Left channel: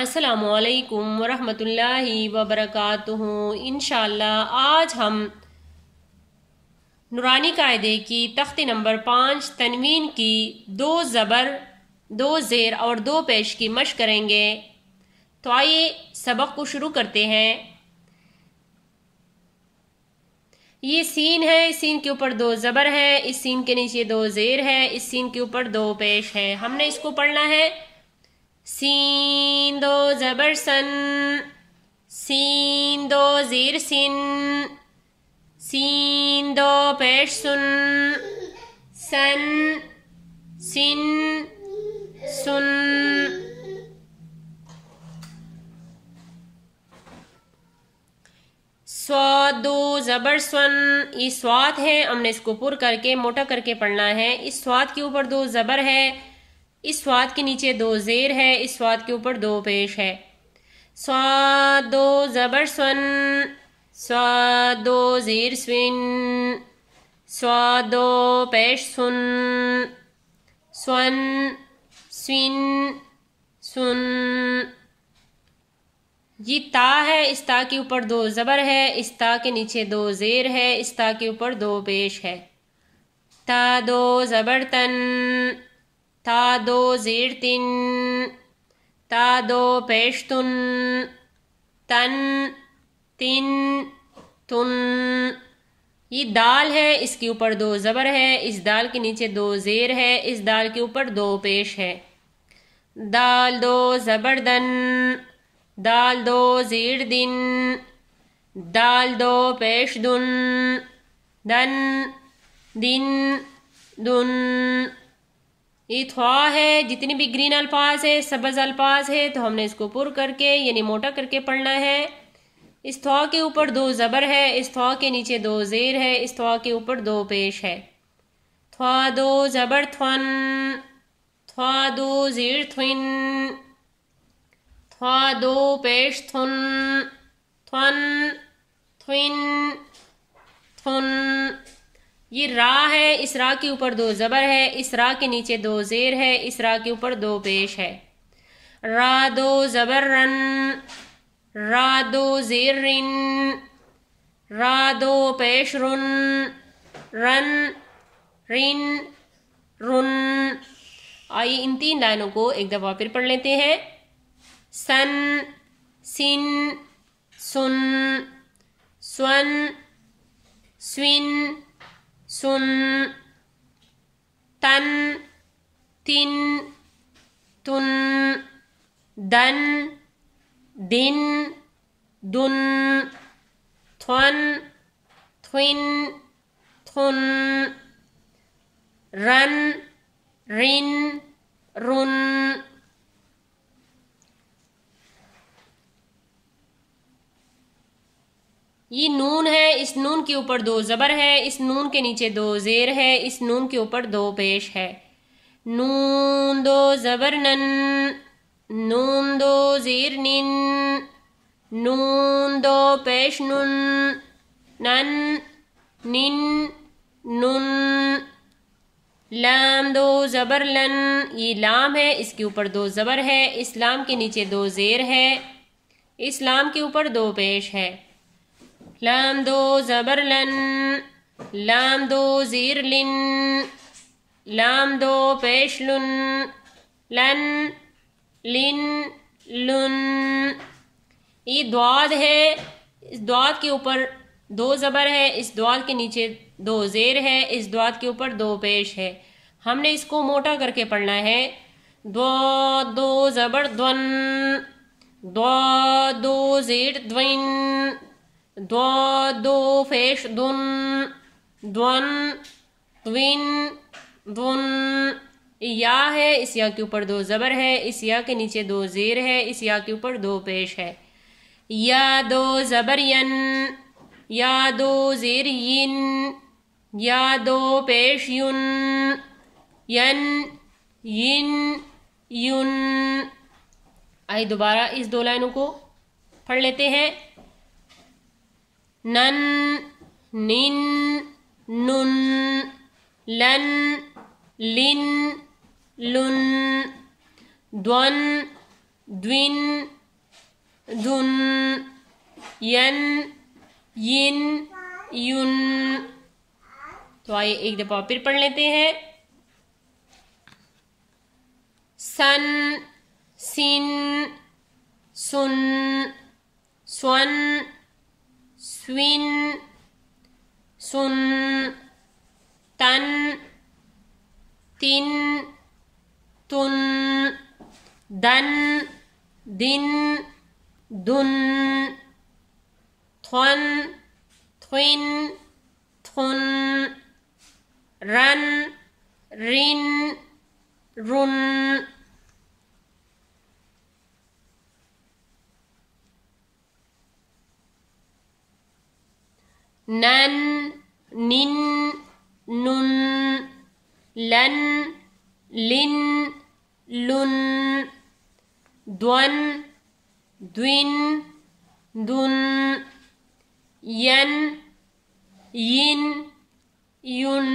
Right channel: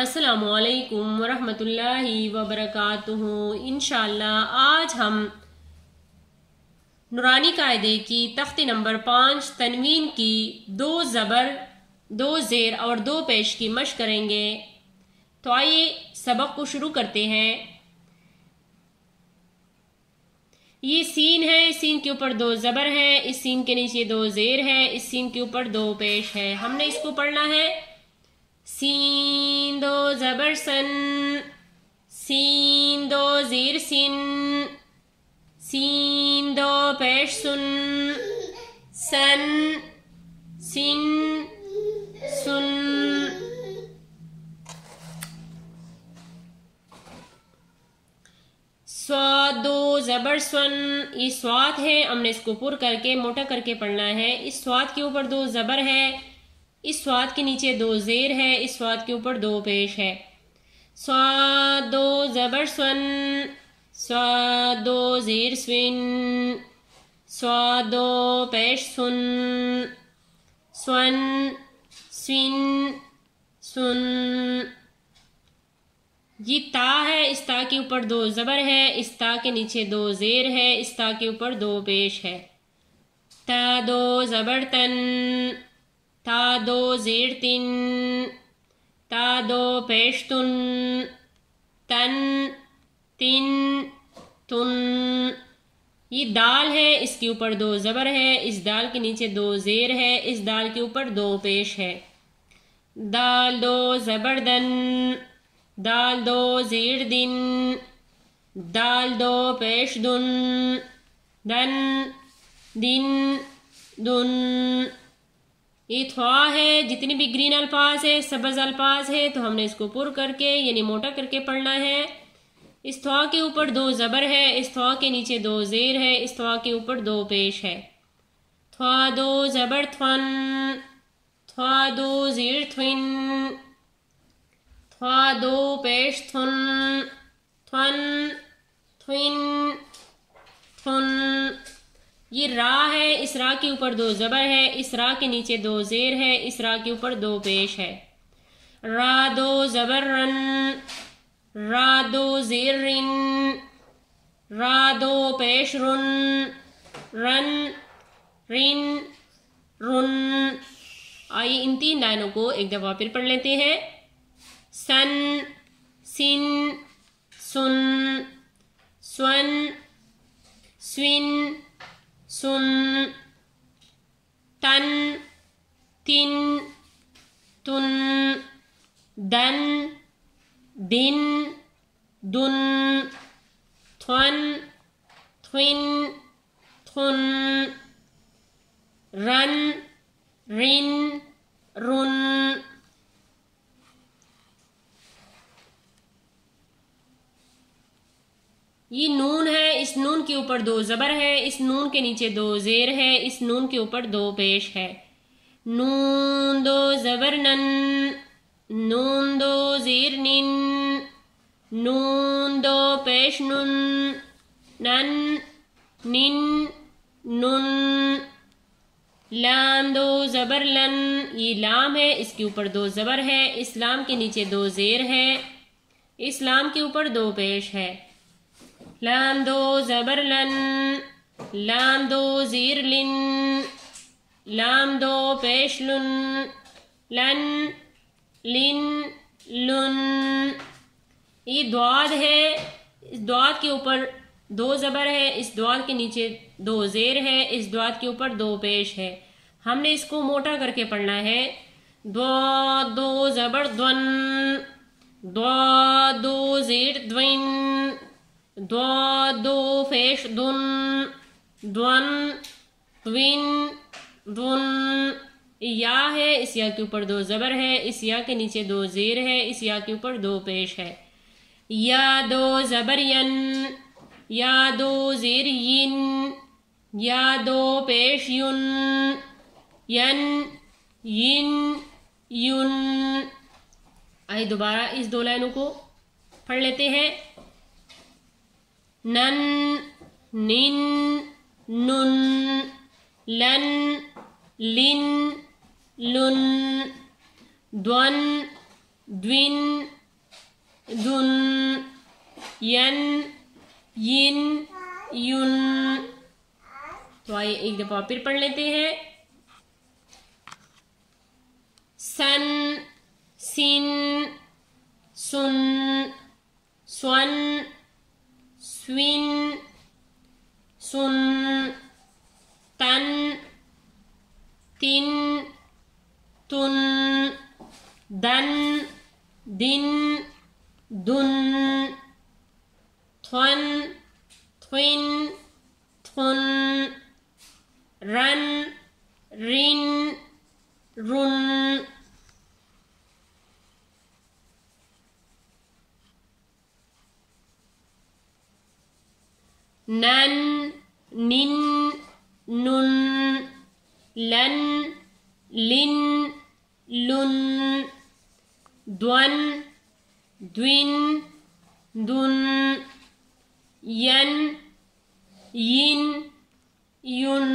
अस्सलामुअलैकुम वरहमतुल्लाहि वबरकातुहू। इंशाअल्लाह आज हम नूरानी कायदे की तख्ती नंबर 5 तनवीन की 2 ज़बर 2 ज़ेर और 2 पेश की मशक करेंगे। तो आइए सबक को शुरू करते हैं। ये सीन है, इस सीन के ऊपर 2 ज़बर है, इस सीन के नीचे 2 ज़ेर है, इस सीन के ऊपर 2 पेश है। हमने इसको पढ़ना है सीन 2 ज़बर सन, सीन 2 ज़ेर सिन, सीन 2 पेश सुन, सन सिन सुन। स्वाद 2 ज़बर स्वन, ये स्वाद है, हमने इसको पुर करके मोटा करके पढ़ना है। इस स्वाद के ऊपर 2 ज़बर है, इस स्वाद के नीचे 2 ज़ेर है, इस स्वाद के ऊपर 2 पेश है। स्वाद 2 ज़बर स्वन, स्वाद 2 ज़ेर स्विन, स्वाद 2 पेश सुन, स्वन स्विन सुन। ये ता है, इस ता के ऊपर 2 ज़बर है, इस ता के नीचे 2 ज़ेर है, इस ता के ऊपर 2 पेश है। ता 2 ज़बर तन, ता 2 ज़ेर तिन, ता 2 पेश तुन, तन तिन तुन। ये दाल है, इसके ऊपर 2 ज़बर है, इस दाल के नीचे 2 ज़ेर है, इस दाल के ऊपर 2 पेश है। दाल 2 ज़बर दन, दाल 2 ज़ेर दिन, दाल 2 पेश दुन, दन दिन दुन। ये थवा है, जितनी भी ग्रीन अल्फाज है, सब्ज अल्फाज है, तो हमने इसको पुर करके यानी मोटा करके पढ़ना है। इस थवा के ऊपर 2 ज़बर है, इस थवा के नीचे 2 ज़ेर है, इस थवा के ऊपर 2 पेश है। थवा 2 ज़बर थवन, थवा 2 ज़ेर थविन, थवा 2 पेश थुन, थवन थविन थुन। ये रा है, इस रा के ऊपर 2 ज़बर है, इस रा के नीचे 2 ज़ेर है, इस रा के ऊपर 2 पेश है। रा 2 ज़बर रन, रा 2 ज़ेर रिन, रा 2 पेश रुन, रन रिन रुन। आइए इन 3 लाइनों को एक दफा फिर पढ़ लेते हैं। सन सिन सुन, स्वन स्विन सुन, तन तिन तुन, दन दिन दुन, थवन थविन थुन, रन रिन रुन। ये नून है, इस नून के ऊपर 2 ज़बर है, इस नून के नीचे 2 ज़ेर है, इस नून के ऊपर 2 पेश है। नून 2 ज़बर नन, नून 2 ज़ेर निन, नून 2 पेश नुन, नन निन नुन। लाम 2 ज़बर लन, ये लाम है, इसके ऊपर 2 ज़बर है, इस लाम के नीचे 2 ज़ेर है, इस लाम के ऊपर 2 पेश है। लाम 2 ज़बर लन, लाम 2 ज़ेर लिन, लाम 2 पेश लुन, लन लिन लुन। ये द्वाद है, इस द्वाद के ऊपर 2 ज़बर है, इस द्वाद के नीचे 2 ज़ेर है, इस द्वाद के ऊपर 2 पेश है। हमने इसको मोटा करके पढ़ना है। द्वाद 2 ज़बर द्वन, द्वाद 2 ज़ेर द्विन, द्वाद 2 पेश दुन, द्वन द्विन दुन। या है, इस या के ऊपर 2 ज़बर है, इस या के नीचे 2 ज़ेर है, इस या के ऊपर 2 पेश है। या 2 ज़बर यन, या 2 ज़ेर यिन, या 2 पेश युन, यन यिन युन। आइए दोबारा इस 2 लाइनों को पढ़ लेते हैं। नन निन नुन, लन लिन लुन, द्वन द्विन दुन यन यिन युन। तो आइए एक दफा फिर पढ़ लेते हैं। सन सिन सुन स्वन स्विन सुन तन तिन तुन दन दिन दुन थ्वन थ्विन थुन रन रिन रुन। नन निन नुन लन लिन लुन द्वन द्विन दुन यन यिन युन।